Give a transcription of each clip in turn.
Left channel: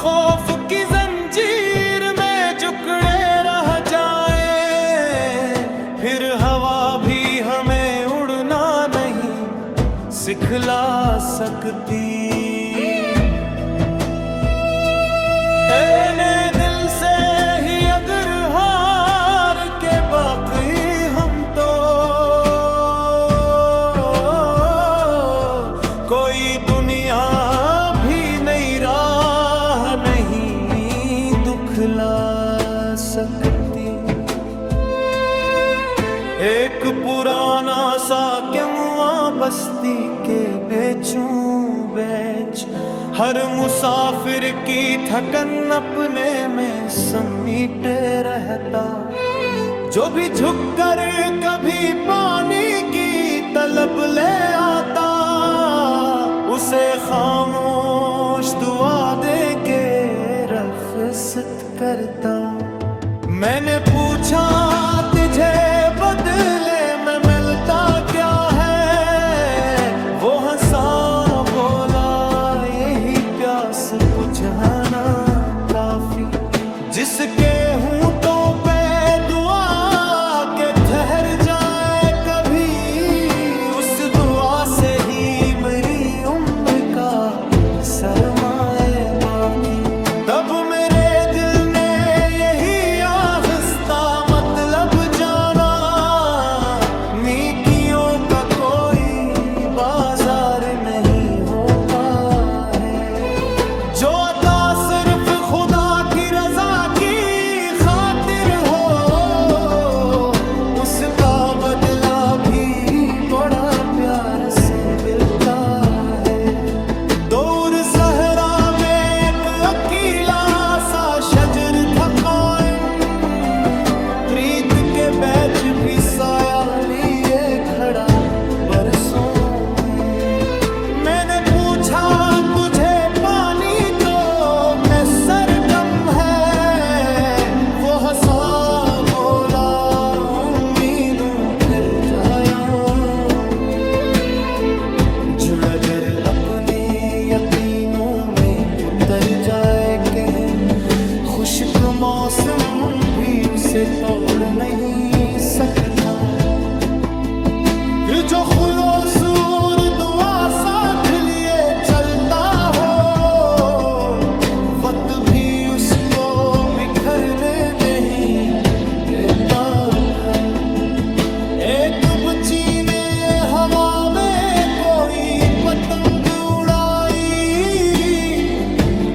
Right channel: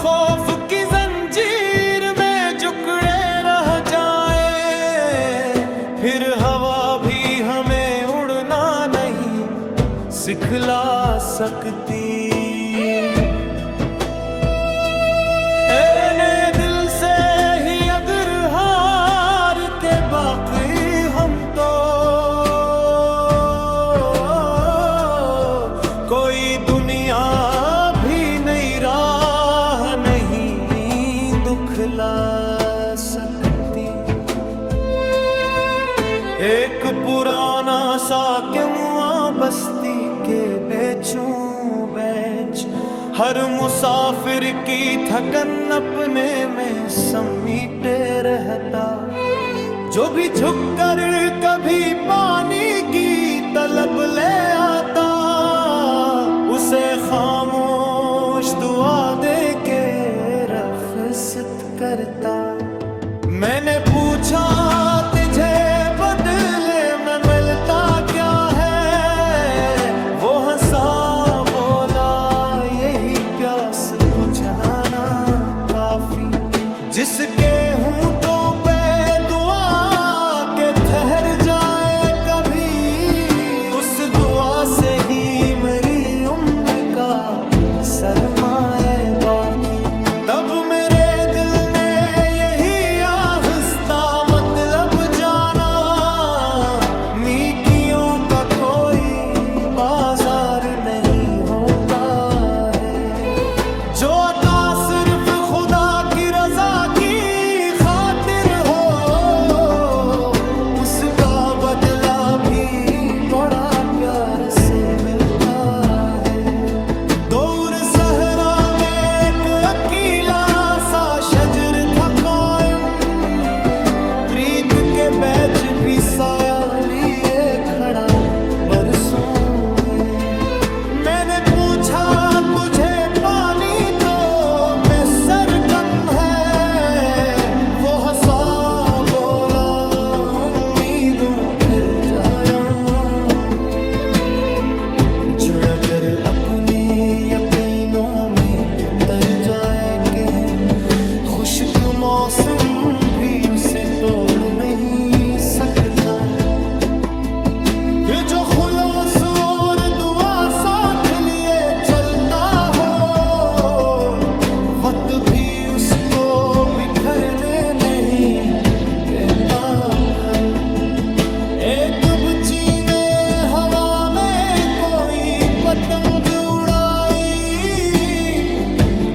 खौफ की जंजीर में जकड़े रह जाए, फिर हवा भी हमें उड़ना नहीं सिखला सकती। ने दिल से ही अगर हार के बाकी हम तो कोई दुनिया भी नई राह नहीं दुखला सकती। एक पुराना सा क्यों बस्ती के बेचूं बेच, हर मुसाफिर की थकन अपने में समीटे रहता। जो भी झुककर कभी पानी की तलब ले आता, उसे खामोश दुआ दे के रफ़्क़त करता। मैंने पूछा तुझे बदले में मिलता क्या है, वो हंसा बोला यही प्यास बुझाना काफी। जिसके होंठों पे दुआ के ठहर जाए कभी, उस दुआ से ही मेरी उम्र का सरमाए बाकी। तब मेरे दिल ने यही आहिस्ता मतलब जाना, नीकियों का कोई बाजार नहीं होता है। जो अता सिर्फ खुदा की रजा की खातिर हो, उसका बदला भी बड़ा प्यार से मिलता है। दूर सहरा में एक अकेला सा शजर था कायम, प्रीत के बैच भी साया लिए खड़ा बरसों में। मैंने पूछा तुझे पानी तो मैं सर कम है, वो हंसा बोला उम्मीदों फिर जाया। जुड़ अगर अपने यकीनों में उतर जाए कहीं, खुश्क मौसम भी उसे तोड़ नहीं सकता। जो खुलूस और दुआ साथ लिए चलता हो, वक्त भी उसको बिखरने नहीं देता। फिर एक बच्ची ने हवा में कोई पतंग उड़ाई,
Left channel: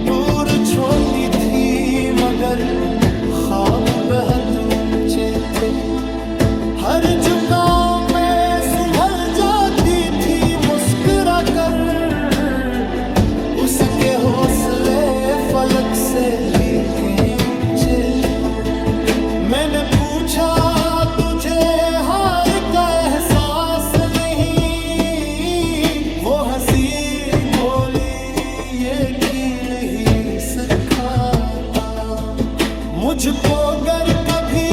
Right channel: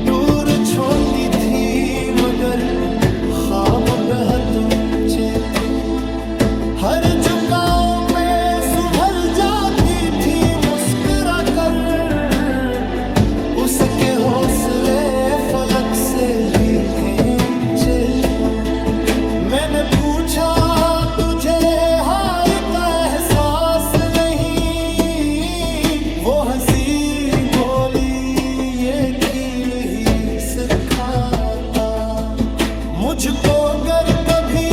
दूर छोटी थी मगर ख्वाब बहुत ऊंचे थे। हर झुकाव पे संभल जाती थी मुस्कुरा कर, उसके हौसले फलक से भी ऊंचे थे। मैंने पूछा तुझे हार का एहसास नहीं, वो हंसी बोली ये खील ही सिखाता। मुझको गर कभी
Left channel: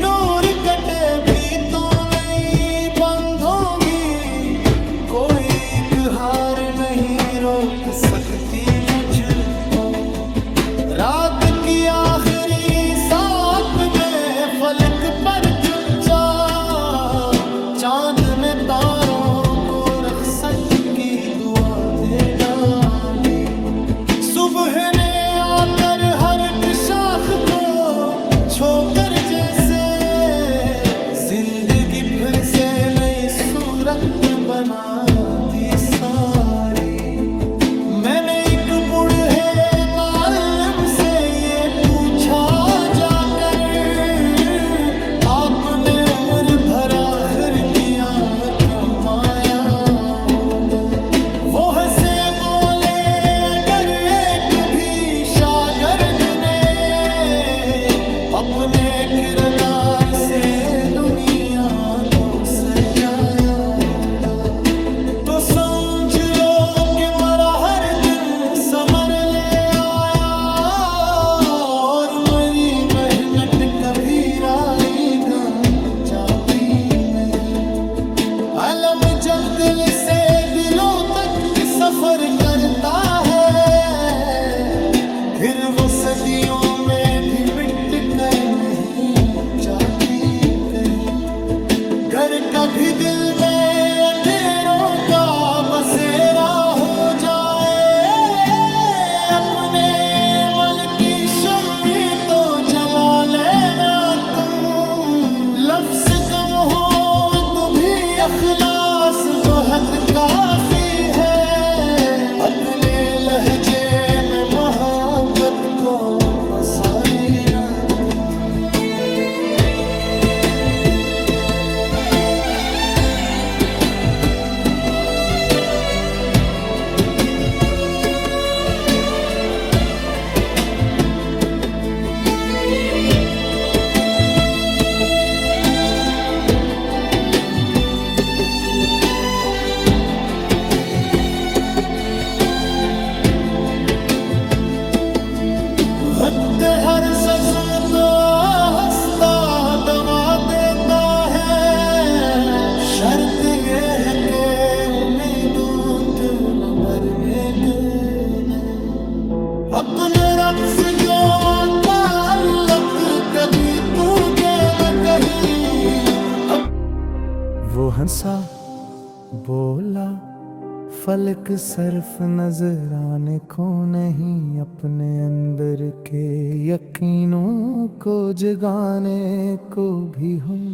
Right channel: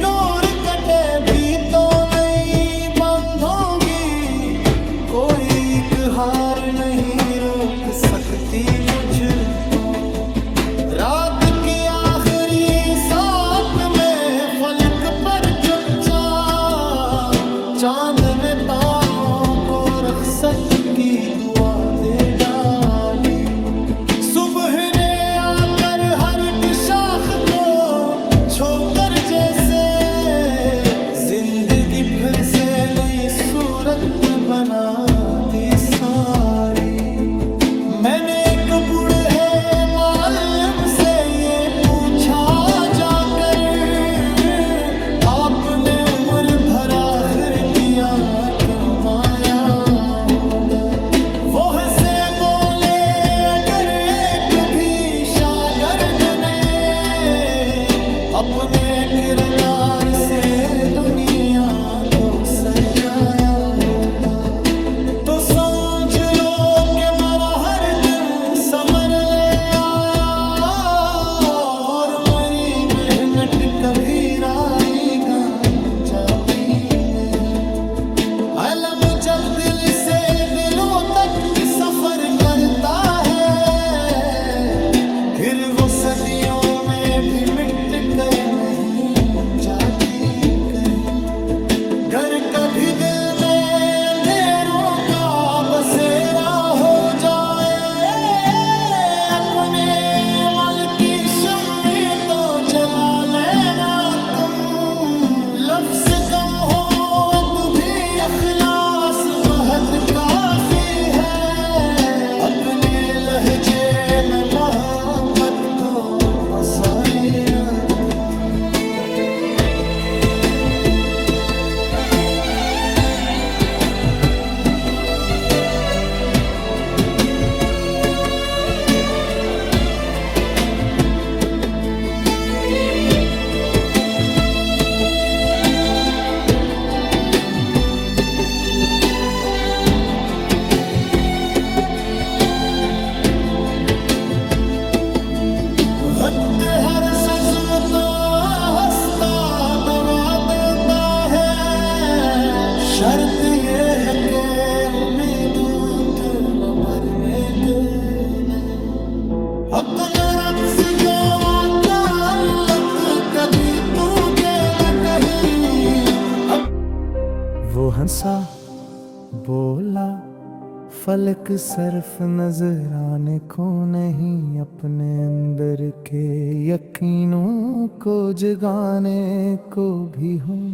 डोर कटे भी तो नहीं बंधोगी, कोई एक हार नहीं रोक सकती मुझको। रात की आखिरी साथ में फलक पर चुपचाप, चांद ने तारों को रख्सत की दुआ दे डाली। सुबह ने आकर हर एक शाख को छोकर जैसे, जिंदगी फिर से नई सूरत बना दी सारी। मैंने एक बूढ़े मालिम से ये पूछा जाकर, आपने उम्र भर आखिर किया कमाया होगा। वो हंसे बोले अगर एक भी शागिर्द ने अपने किरदार से दुनिया को सजाया होगा, तो समझ लो कि मरा हर दिन समर ले आया, और मेरी मेहनत कभी राई गांजा पी नहीं। अलम जब दिल से दिलों तक सफर करता है, फिर वो सदियों में भी मिट कर नहीं जाती कहीं। गर कभी दिल में अंधेरों का बसेरा हो जाए, अपने मल की शम्मी तो जला लेना तुम। लफ्ज़ कम हो तो भी अखलास बहुत काफी है, अपने लहजे में मोहब्बत को बसा लेना तुम। वक्त हर ससम तो हंसता दवा देता है, शर्त ये है कि उम्मीदों के मरने देना। अपना रक्स जो ताल्लुक कभी तू के न कहीं। वो हंसा बोला फलक सर्फ नजर आने को नहीं, अपने अंदर के यकीनों को जगाने को भी हूँ।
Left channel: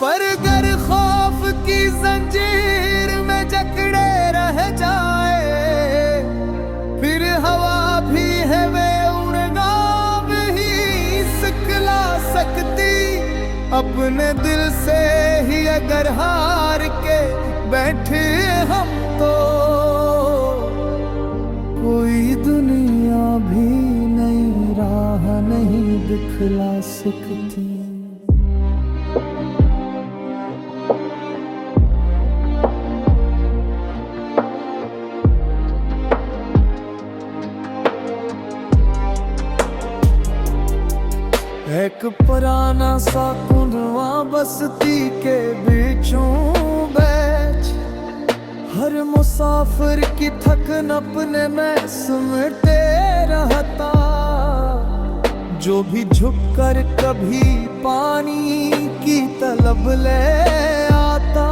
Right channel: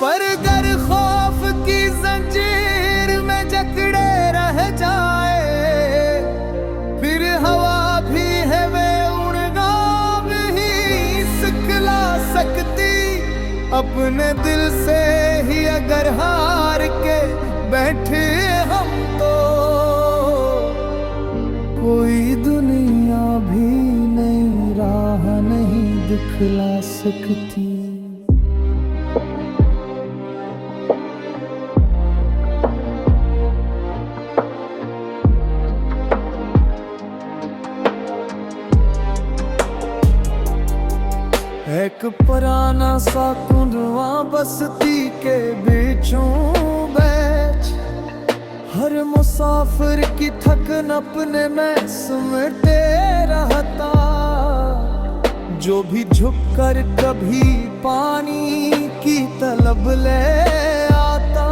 पर गर खौफ की जंजीर में जकड़े रह जाए, फिर हवा भी है वे उड़ना भी सिखला सकती। अपने दिल से ही अगर हार के बैठे हम तो कोई दुनिया भी नई राह नहीं दिखला सकती। एक पुराना सा कुंडवा बस्ती के बीचों बैठ, हर मुसाफिर की थकन अपने में समेटे रहता। जो भी झुककर कभी पानी की तलब ले आता,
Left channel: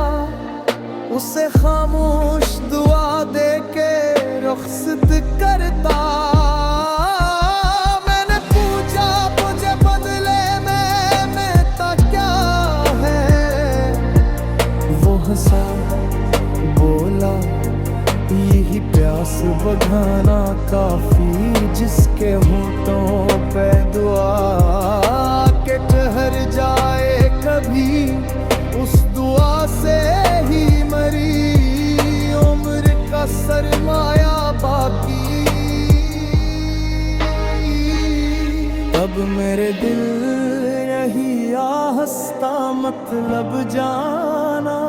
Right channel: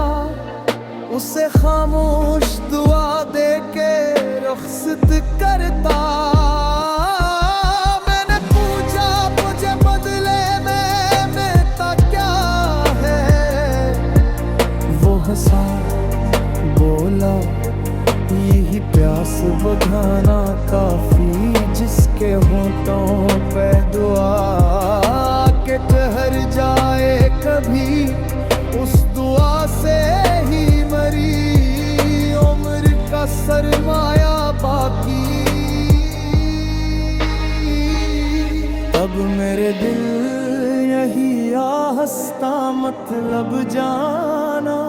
उसे खामोश दुआ दे के रुखसत करता। मैंने पूछा मुझे बदले में मिलता क्या है, वो हंसा बोला यही प्यास बुझाना काफी, जिसके होठों पे दुआ के ठहर जाए कभी, उस दुआ से ही मरी उम्र का सरमाया बाकी। तब मेरे दिल यही आहस्ता मतलब जाना,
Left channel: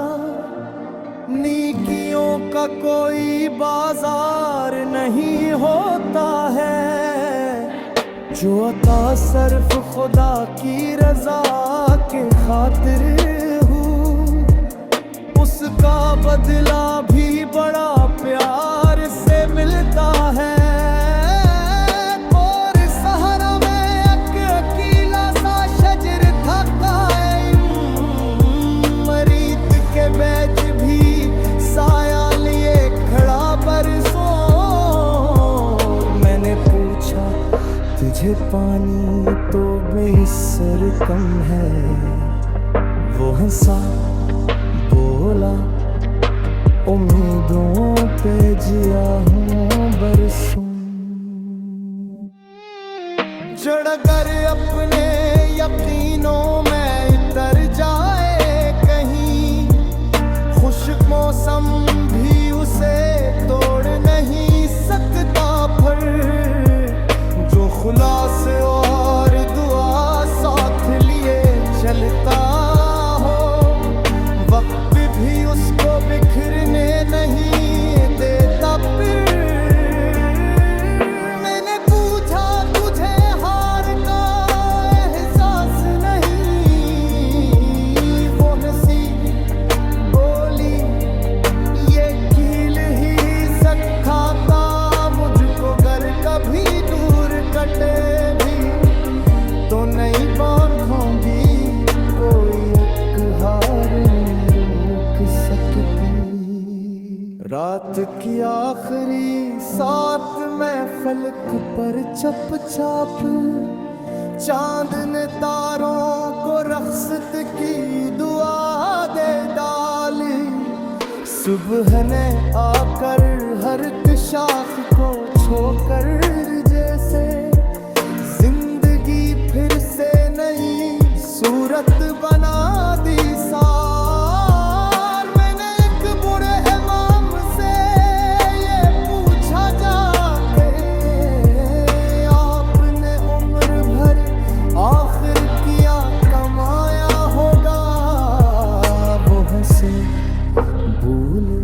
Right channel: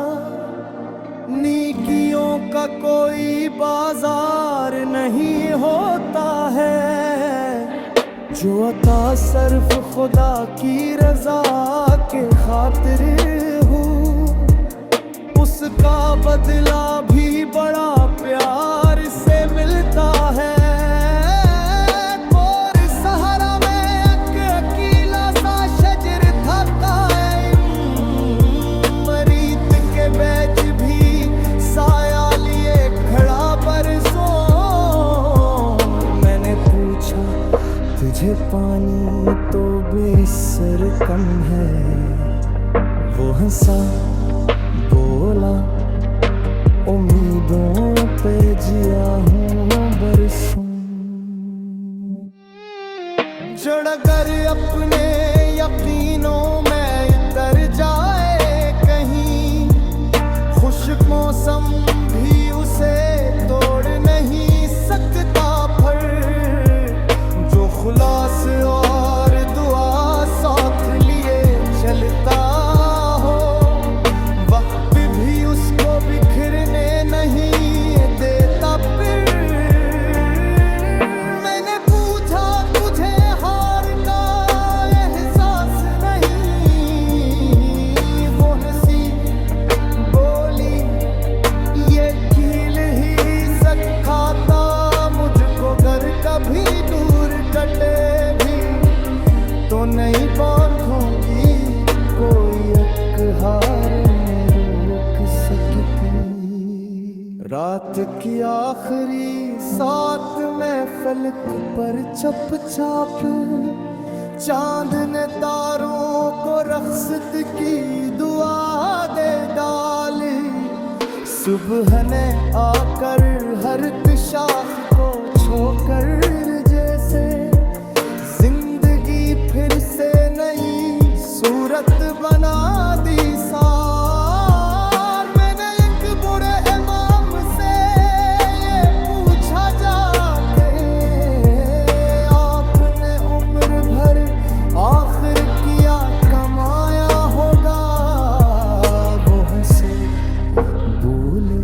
नेकियों का कोई बाजार नहीं होता है। जो अता सिर्फ खुदा की रजा के खातिर हो, उसका बदला भी बड़ा प्यार से मिलता है। और सहारा में एक अकेला सा शजर था कायम, मरीत के बैच भी साया लिए खड़ा बरसों। मैंने पूछा तुझे पानी तो बेसर कम है, वो हंसा बोला उम्मीदों पे जिया हूँ बरसों। जड़गर अपने यकीनों में इतर जाए कहीं, खुश्क मौसम भी उसे तोड़ नहीं सकता। पर जो खुलास और दुआ साथ लिए चलता हो, वक्त भी उसको बिखरने नहीं देता। फिर मैंने पूछा तुझे हार का एहसास नहीं, वो हंसी बोली ये कील ही सखाता मुझको गर कभी दूर सकती। रात की आखिरी सात में फलक पर चप चाप, चांद ने तारों को रख्सत की दुआ दे डाली। सुबह ने आकर हर एक शाख को छोकर जैसे जिंदगी फिर से नई सूरत बना दी सार। मैंने एक बुरे इमाम से ये पूछा जाके, आपने उम्र भर आखिर किया कमाया होगा। वो हंसे बोले,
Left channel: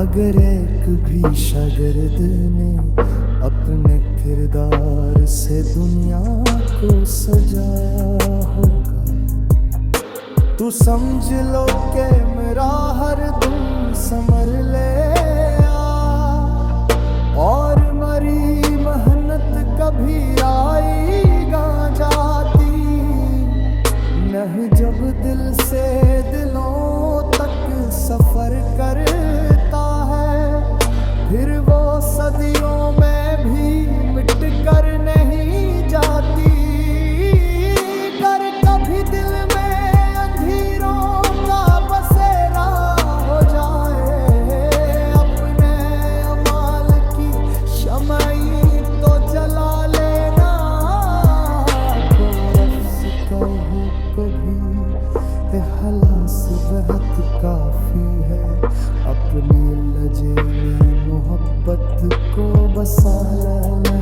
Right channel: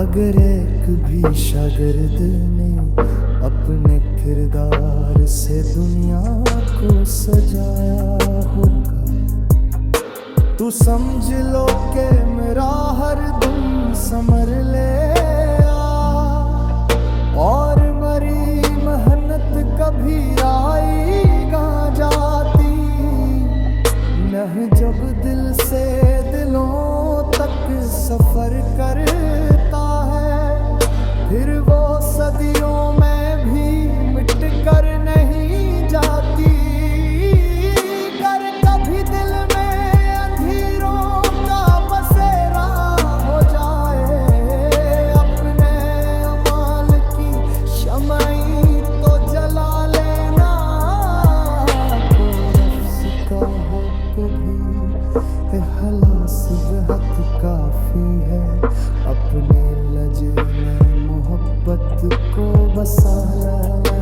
अगर एक भी शागिर्द ने अपने किरदार से दुनिया को सजाया होगा, तू समझ लो कि मेरा हर दुम समर ले आ। और मरी मेहनत कभी आएगा जाती, नह जब दिल से दिलों तक सफर करता है, फिर वो सदियों में भी मिट कर नहीं जाती। कर कभी दिल में अंधेरों का बसेरा हो जाए, अपने अमाल की शमाई तो जला लेना। को रफ्स कहो कभी हलास बेहद काफी है, अपने लजे में मोहब्बत को बसा लेना।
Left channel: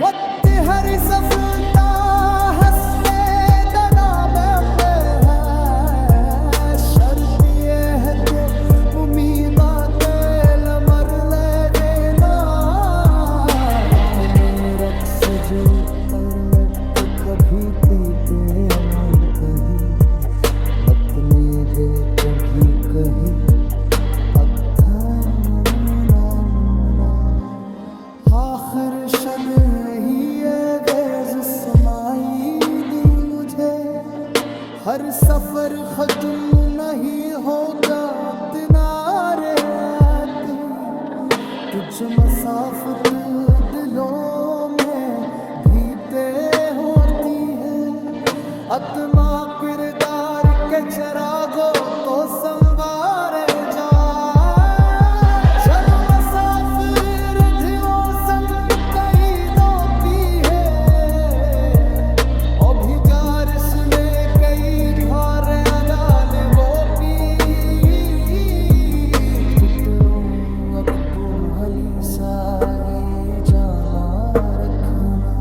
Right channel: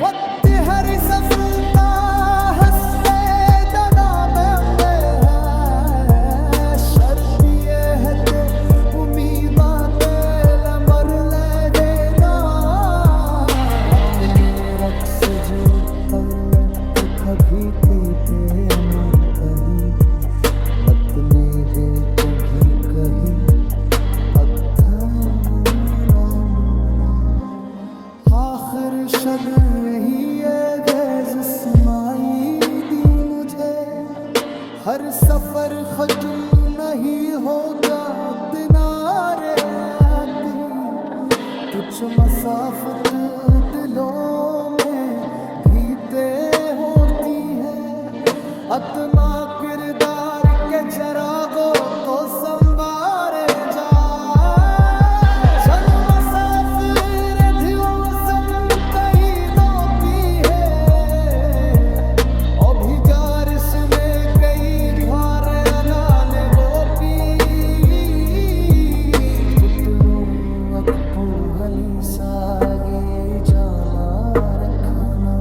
वक्त हरी सफलता हंसते दना में है, शर्त ये है कि उम्मीद तेल मर ले देना। अपने रक्स जो तर ले कभी पीते मुंतही, मतने गे कभी कही आखिर शद ही गेज समाई दी मुझे। हर सफर खजुम नहीं होगा तिनारे आती, तुझ मसाफत दिलों में भीते होती है। आत्मा किरदार के जरागो तो संभारे जा, जन्म मसाफिर दिलों संग कई दो पी है। अभी जारिश में कई घर अगाले वो पी, तुतनों अकबर हली सागे जाला रखना।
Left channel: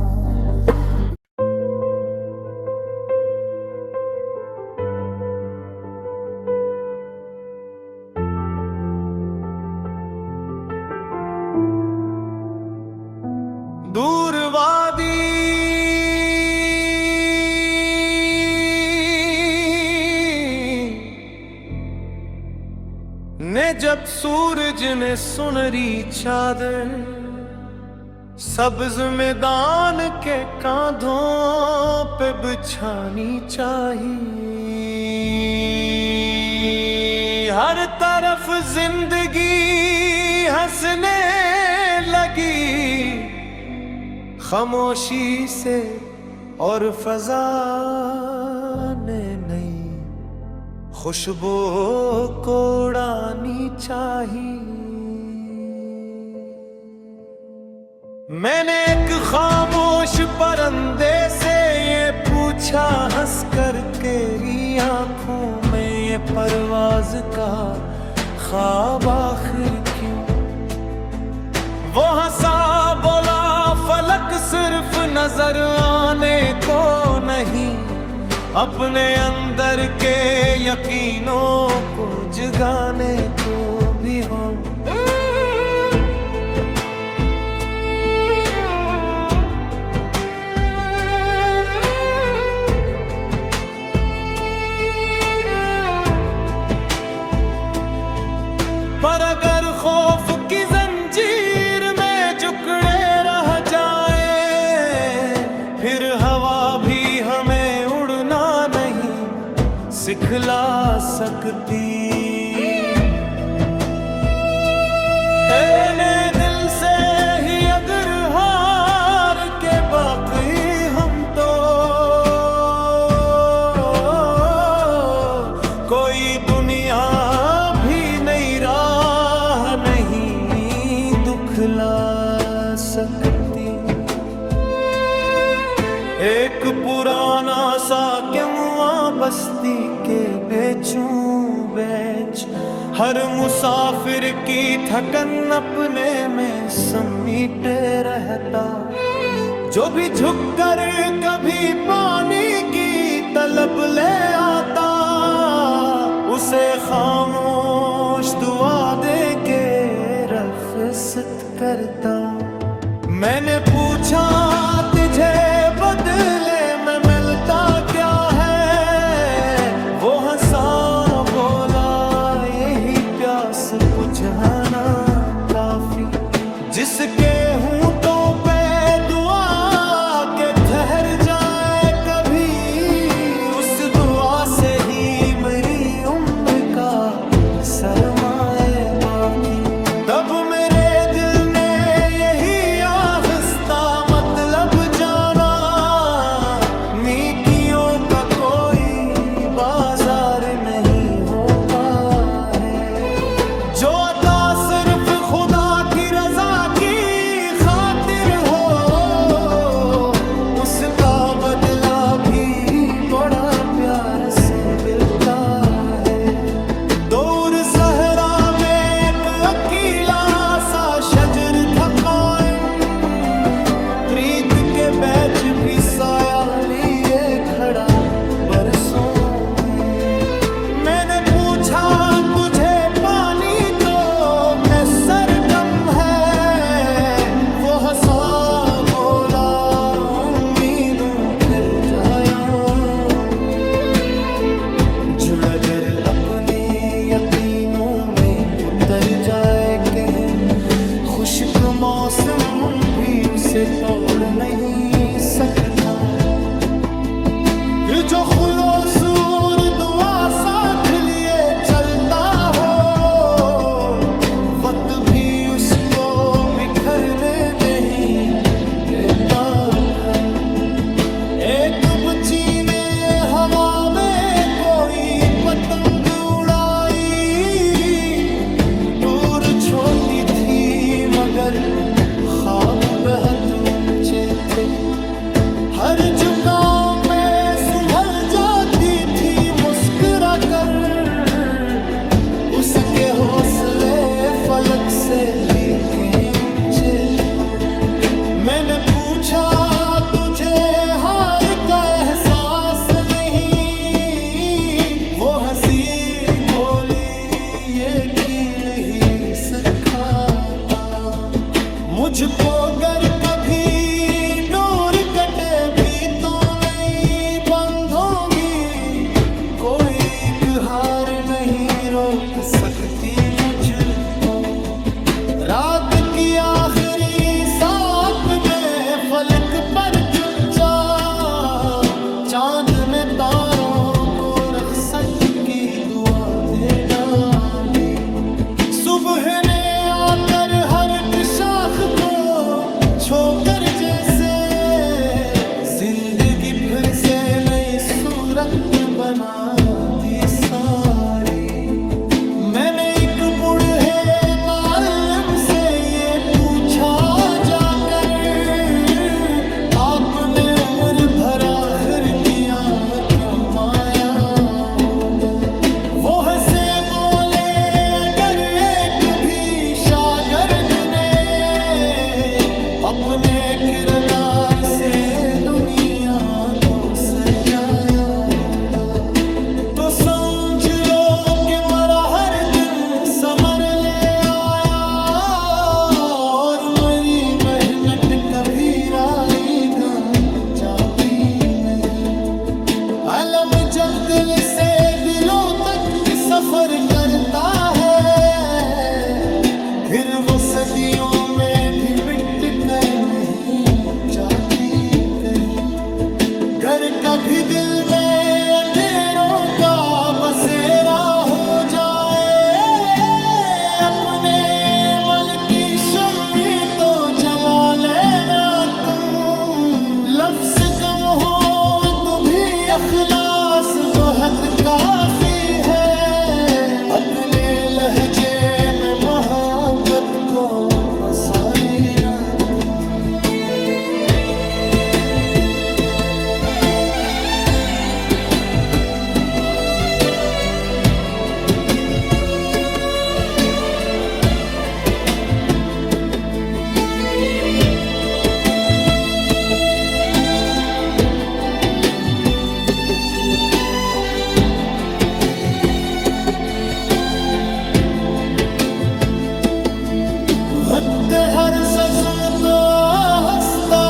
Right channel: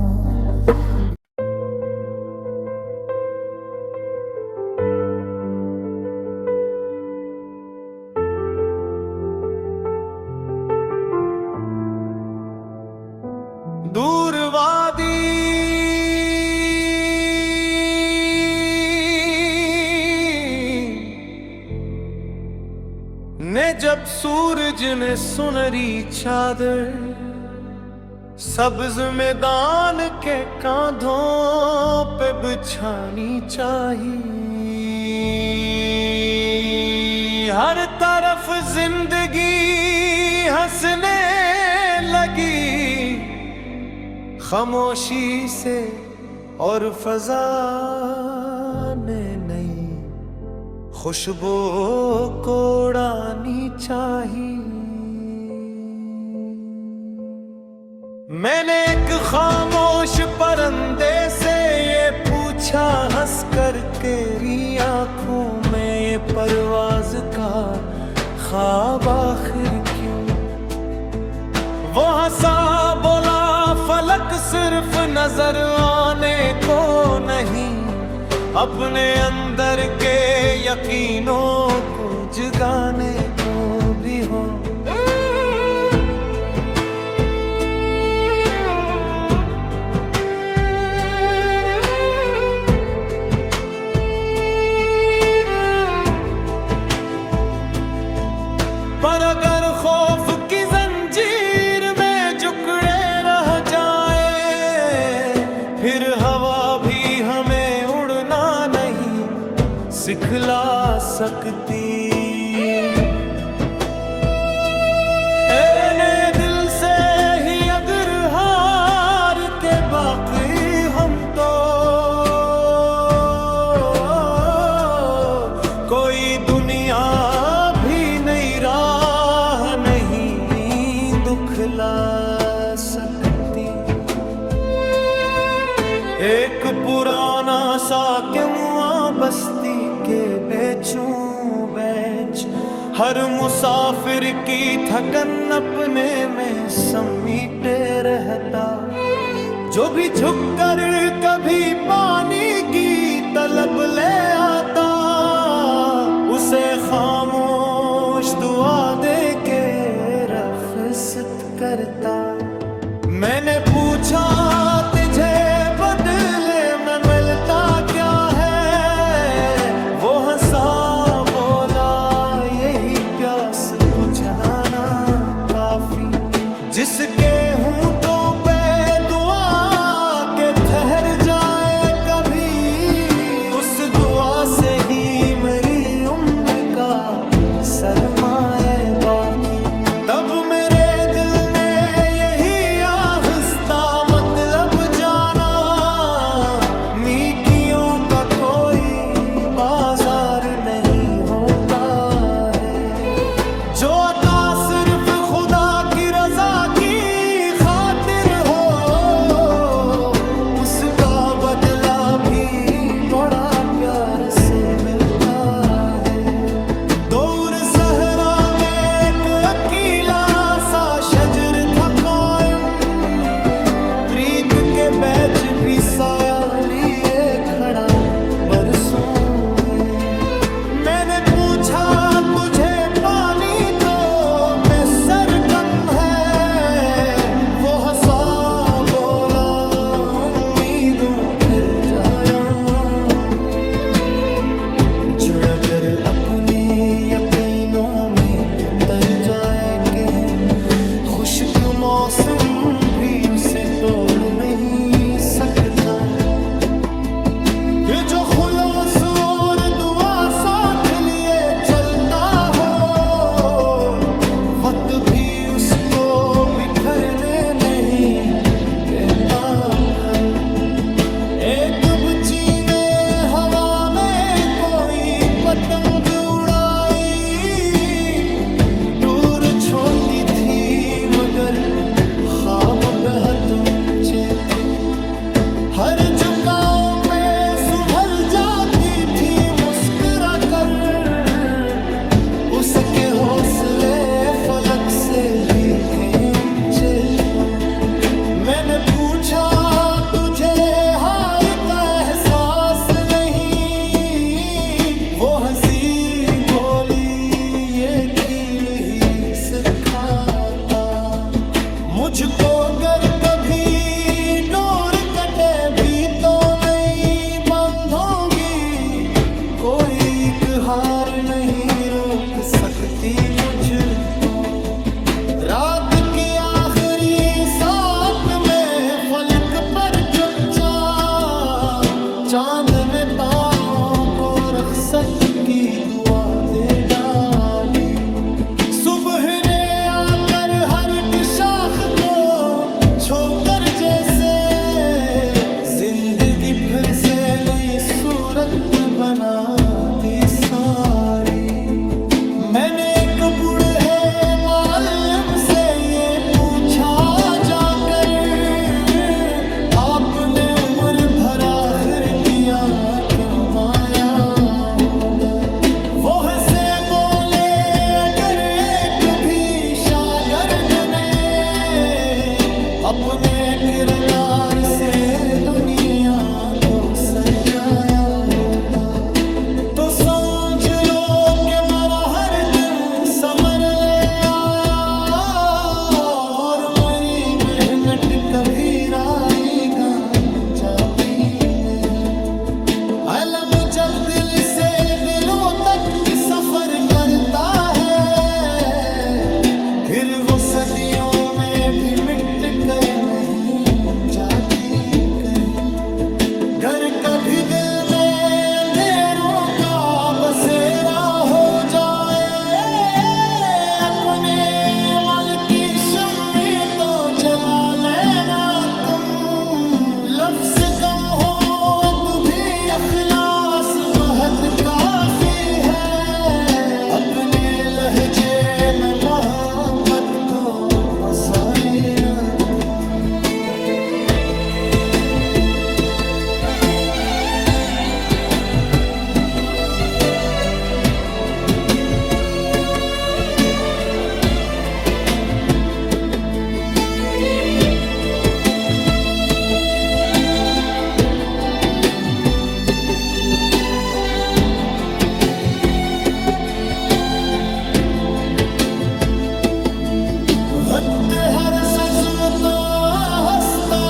दूर वादी ने जब सूरज ने सुनहरी चादर सब्ज मैदान के कांधों पे बिछानी चाहिए। हर तरफ जिंदगी हंसने लगी खामोशी से, और फजा ने नई खुशबू को उड़ानी चाहिए। मैंने एक खामोश परंदे से ये पूछा हंसकर, तेरी आंखों में ये परवाज का ख्वाब आखिर क्यों? वो हंसा बोला, फलक सिर्फ नजर आने को नहीं, अपने अंदर के यकीनों को जगाने को भी हो। पर अगर खौफ की जंजीर में जकड़े रह जाए, फिर हवा भी हमें उड़ना नहीं सिखला सकती। ने दिल से ही अगर हार के बाकी हम तो कोई दुनिया भी नई राह नहीं दुखला सकती। एक पुराना सा क्यों बस्ती के बेचूं बेच, हर मुसाफिर की थकन अपने में समीटे रहता। जो भी झुककर कभी पानी की तलब ले आता, उसे खामोश दुआ दे के रफ़्क़त करता। मैंने पूछा तुझे बदले में मिलता क्या है, वो हंसा बोला यही प्यास बुझाना काफी। जिसके होंठों पे दुआ के ठहर जाए कभी, उस दुआ से ही मेरी उम्र का सरमाए बाकी। तब मेरे दिल ने यही आहिस्ता मतलब जाना, नेकियों का कोई बाजार नहीं होता है। जो अता सिर्फ खुदा की रजा की खातिर हो, उसका बदला भी बड़ा प्यार से मिलता है। दूर सहरा में एक अकेला सा शजर था कायम, प्रीत के बैच भी साया लिए खड़ा बरसों में। मैंने पूछा तुझे पानी तो मैं सर कम है, वो हंसा बोला उम्मीदों फिर जाया। जुड़ अगर अपने यकीनों में उतर जाए कहीं, खुश्क मौसम भी उसे तोड़ नहीं सकता। जो खुलूस और दुआ साथ लिए चलता हो, वक्त भी उसको बिखरने नहीं देता। फिर एक बच्ची ने हवा में कोई पतंग उड़ाई, दूर छोटी थी मगर ख्वाब बहुत ऊंचे थे। हर झुकाव पे संभल जाती थी मुस्कुरा कर, उसके हौसले फलक से भी कहीं ऊंचे थे। मैंने पूछा तुझे हार का एहसास नहीं, वो हंसी बोली ये खील ही सिखाता। मुझको गर कभी डोर कटे भी तो नहीं बंधोगी, कोई एक हार नहीं रोक सकती मुझको। रात की आखिरी साथ में फलक पर चुपचाप, चांद ने तारों को रख्सत की दुआ दे डाली। सुबह ने आकर हर एक शाख को छोकर जैसे, जिंदगी फिर से नई सूरत बना दी सारी। मैंने एक बूढ़े मालिम से ये पूछा जाकर, आपने उम्र भर आखिर किया कमाया होगा। वो हंसे बोले अगर एक भी शागिर्द ने अपने किरदार से दुनिया को सजाया होगा, तो समझ लो कि मरा हर दिन समर ले आया, और मेरी मेहनत कभी राई गान जाती नहीं। अलम जब दिल से दिलों तक सफर करता है, फिर वो सदियों में भी मिट कर नहीं जाती कहीं। गर कभी दिल में अंधेरों का बसेरा हो जाए, अपने मल की शम्मी तो जला लेना तुम। लफ्ज़ कम हो तो भी अखलास बहुत काफी है, अपने लहजे में मोहब्बत को बसा लेना तुम। वक्त हर ससम तो हंसता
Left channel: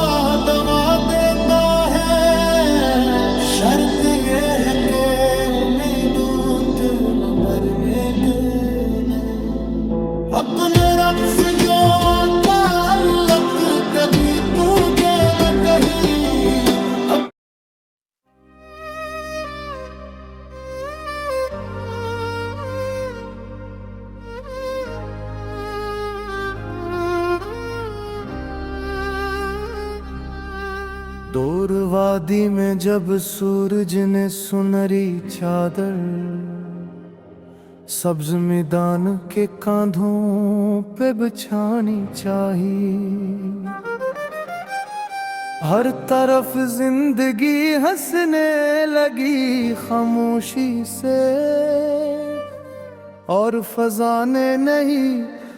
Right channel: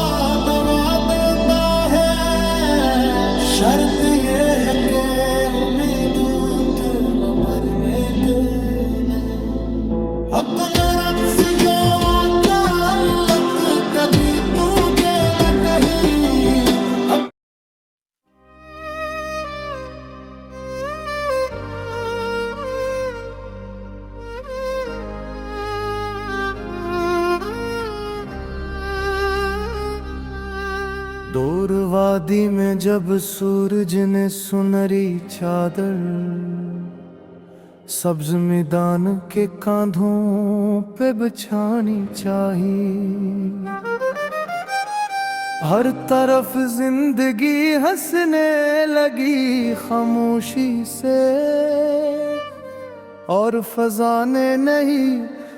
दवा देता है, शर्त ये है कि उम्मीदों के मरने देना। अपना रक्स जो आता अल्लक कभी तू के न कहीं। दूर वादी में जब सूरज ने सुनहरी चादर सब्ज मैदान के कांधों पे बिछानी चाहिए। हर तरफ जिंदगी हंसने लगी खामोशी से, और फजा ने नहीं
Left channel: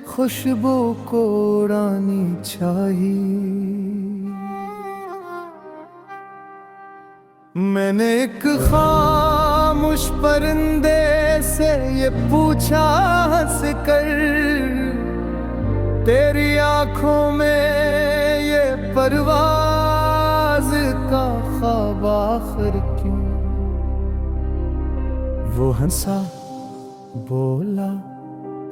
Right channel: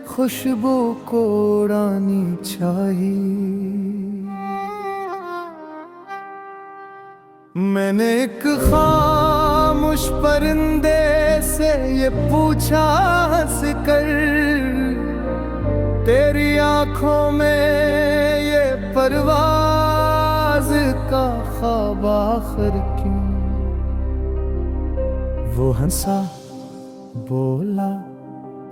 खुशबू को उड़ानी चाहिए। मैंने एक खामोश परिंदे से ये पूछा हंस कर, तेरी आंखों में ये परवाज का ख्वाब आखिर क्यों? वो हंसा बोला,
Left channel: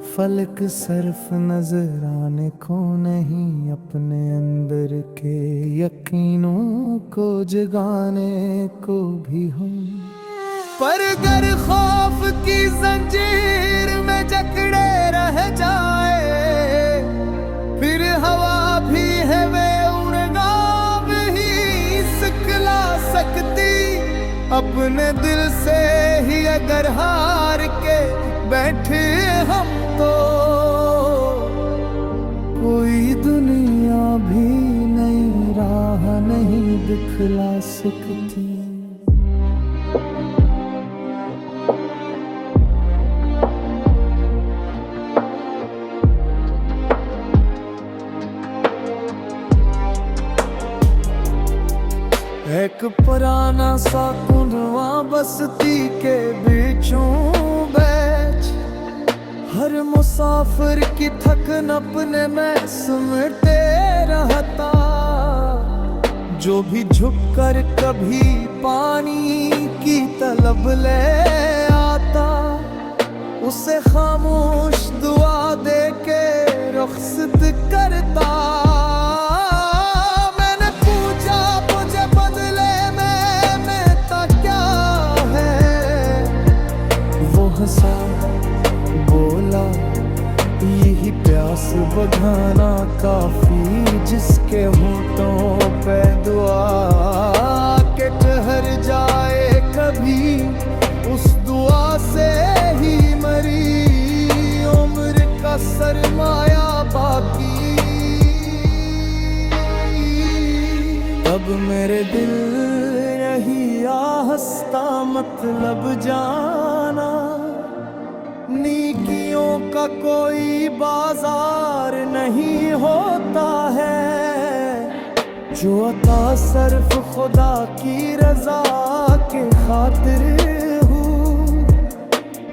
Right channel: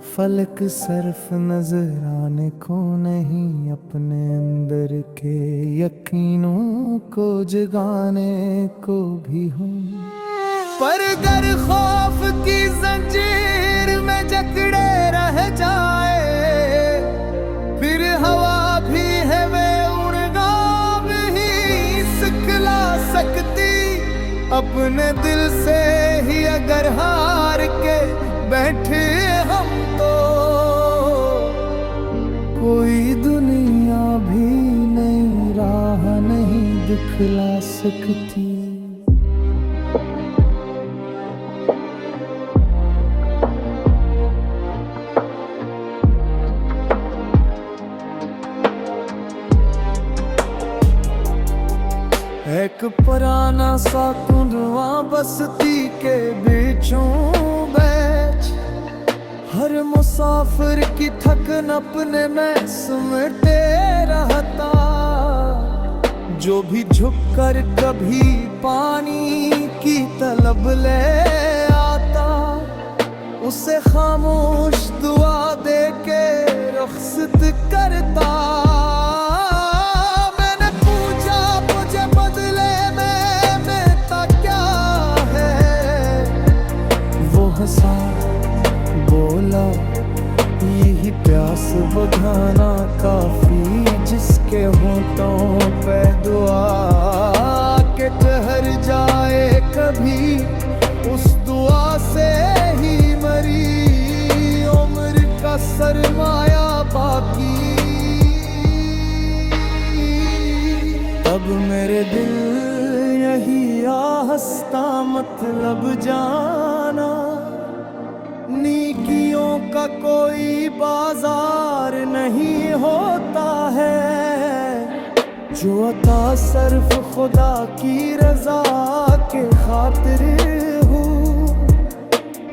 फलक सर्फ नजर आने को नहीं, अपने अंदर के यकीनों को जगाने को भी हूँ। पर गर खौफ की जंजीर में जकड़े रह जाए, फिर हवा भी है वे उड़ना भी सिखला सकती। अपने दिल से ही अगर हार के बैठे हम तो कोई दुनिया भी नई राह नहीं दिखला सकती। एक पुराना सा कुंडवा बस्ती के बीचों बैठ, हर मुसाफिर की थकन अपने में समेटे रहता। जो भी झुककर कभी पानी की तलब ले आता, उसे खामोश दुआ दे के रुखसत करता। मैंने पूछा मुझे बदले में मिलता क्या है, वो हंसा बोला, यही प्यास बुझाना काफी, जिसके होंठों पे दुआ के ठहर जाए कभी, उस दुआ से ही मरी उम्र का सरमाया बाकी। तब मेरे दिल यही आहस्ता मतलब जाना, नेकियों का कोई बाजार नहीं होता है, जो अता सिर्फ खुदा की रजा के खातिर हो,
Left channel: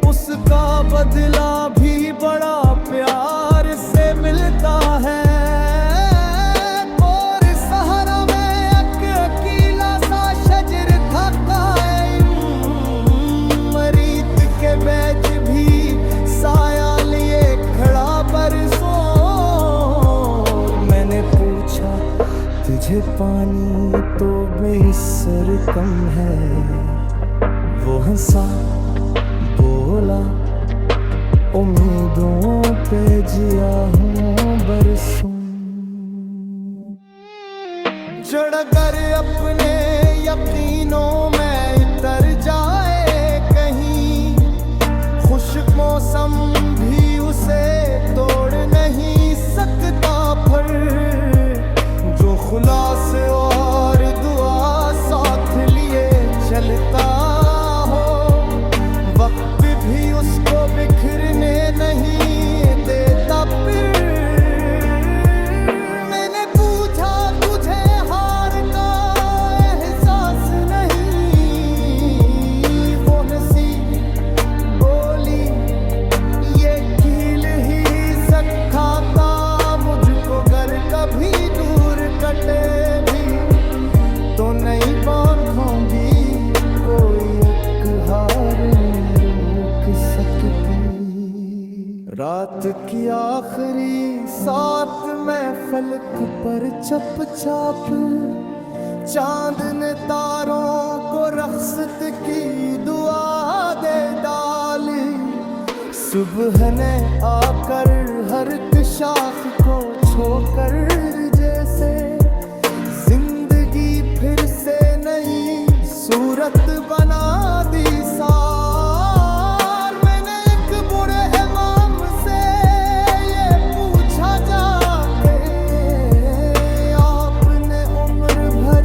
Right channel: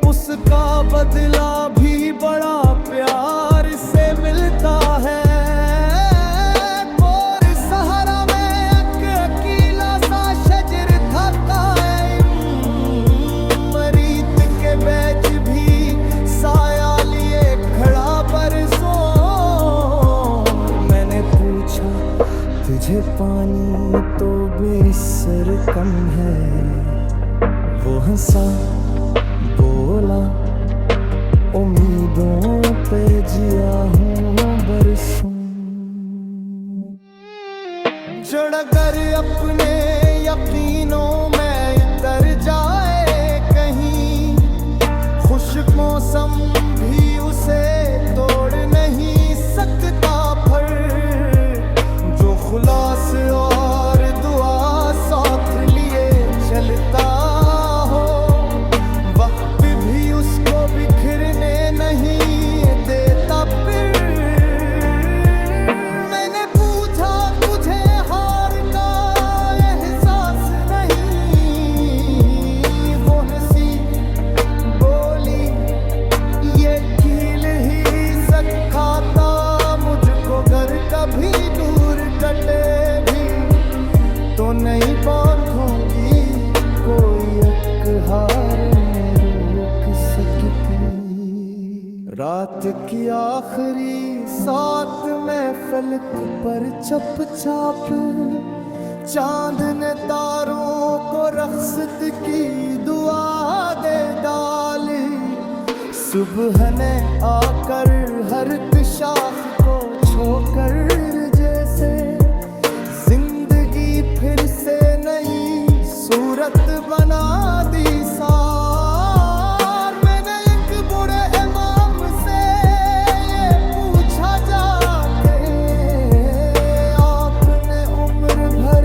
उसका बदला भी बड़ा प्यार से मिलता है। और सहारा में अकेला सा शजर था कायम, मरीत के बैच भी साया लिए खड़ा बरसों। मैंने पूछा तुझे पानी तो बेसर कम है। वो हंसा बोला उम्मीदों पे जिया हूँ बरसों। जड़ अगर अपने यकीनों में इतर जाए कहीं, खुश्क मौसम भी उसे तोड़ नहीं सकता। पर जो खुलास और दुआ साथ लिए चलता हो, वक्त भी उसको बिखरने नहीं देता। फिर मैंने पूछा तुझे हार का एहसास नहीं, वो हंसी बोली ये कील ही सिखाता मुझको, गर कभी दूर कटे भी तो नहीं बांधूंगी कोई अकहार में रोक सकती। रात की आखिरी सात में फलक पर चपचाप, चांद ने तारों को रख्सत की दुआ दे डाली। सुबह ने आकर हर एक शाख को छोकर जैसे जिंदगी फिर से नई सूरत बना दी सार। मैंने एक बुरे इमाम से ये पूछा जाके, आपने उम्र भर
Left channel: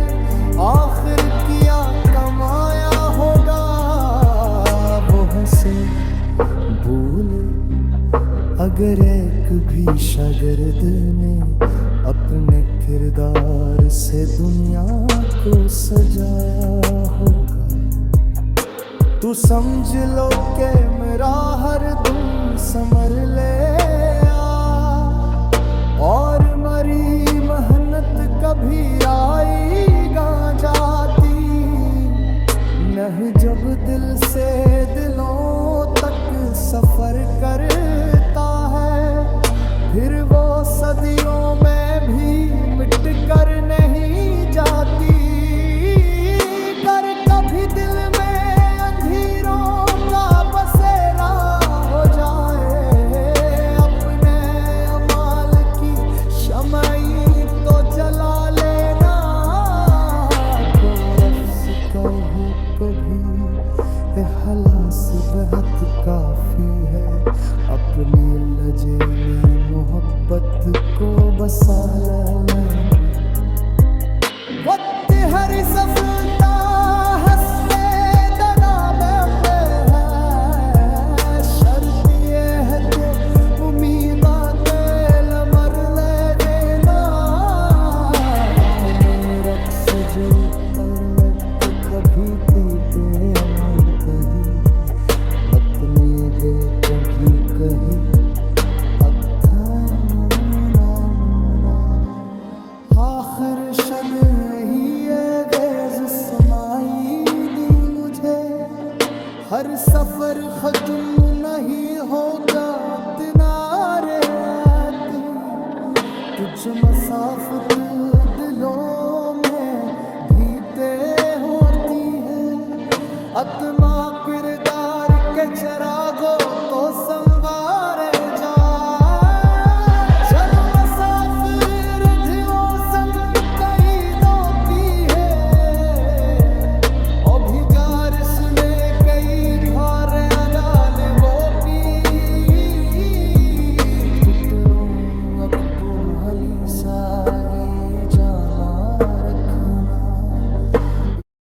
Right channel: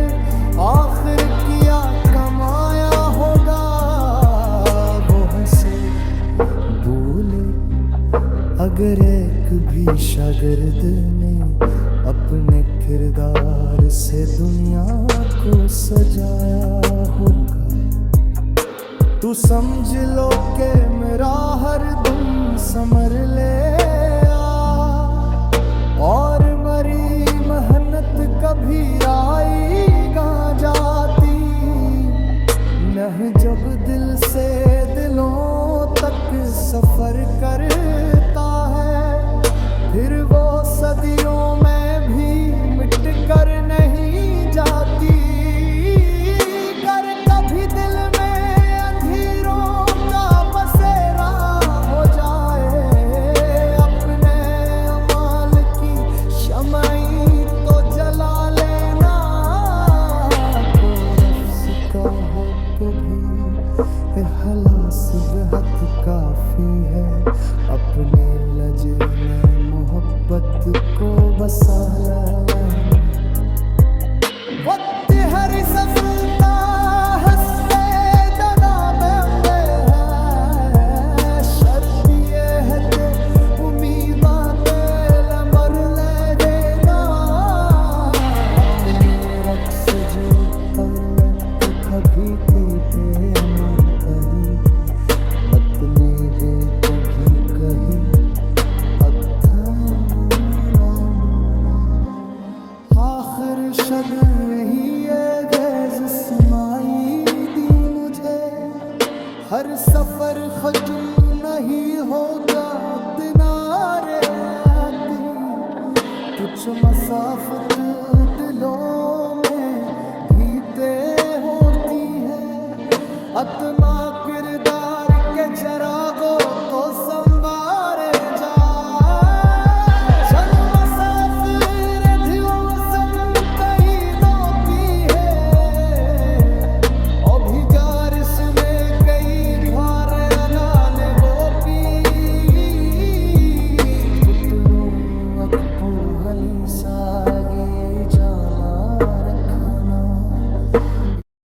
आखिर किया कमाया होगा। वो हंसे बोले अगर एक भी शागिर्द ने अपने किरदार से दुनिया को सजाया होगा, तू समझ लो के मेरा हर दुम समर ले आ। और मरी मेहनत कभी आएगा जाती, नह जब दिल से दिलों तक सफर करता है। फिर वो सदियों में भी मिट कर नहीं जाती। कर कभी दिल में अंधेरों का बसेरा हो जाए, अपने अमाल की शमाई तो जला लेना। को रफ्स कहो कभी हलास बेहद काफी है, अपने लजे में मोहब्बत को बसा लेना। वक्त हरी सफलता हंसते दना में है, शर्त ये है कि उम्मीदा तेल मर ले देना। अपने रक्स जो तर ले कभी थी बेमुंतही, मतने गे तुम्ही कही आखिर शब ही ये गेज समाई दी मुझे। हर सफर खत्म नहीं होगा तिनारे आती, तुझ मसाफत दिलों में भीते होती है। आत्मा किरदार के जरागो तो संवारे जा, जन्म मसाफिर धियो संग कई दो पी है। अभिगारिश में कई घर अगाने वो पी, जुटनो अकपुर हली सागे जाना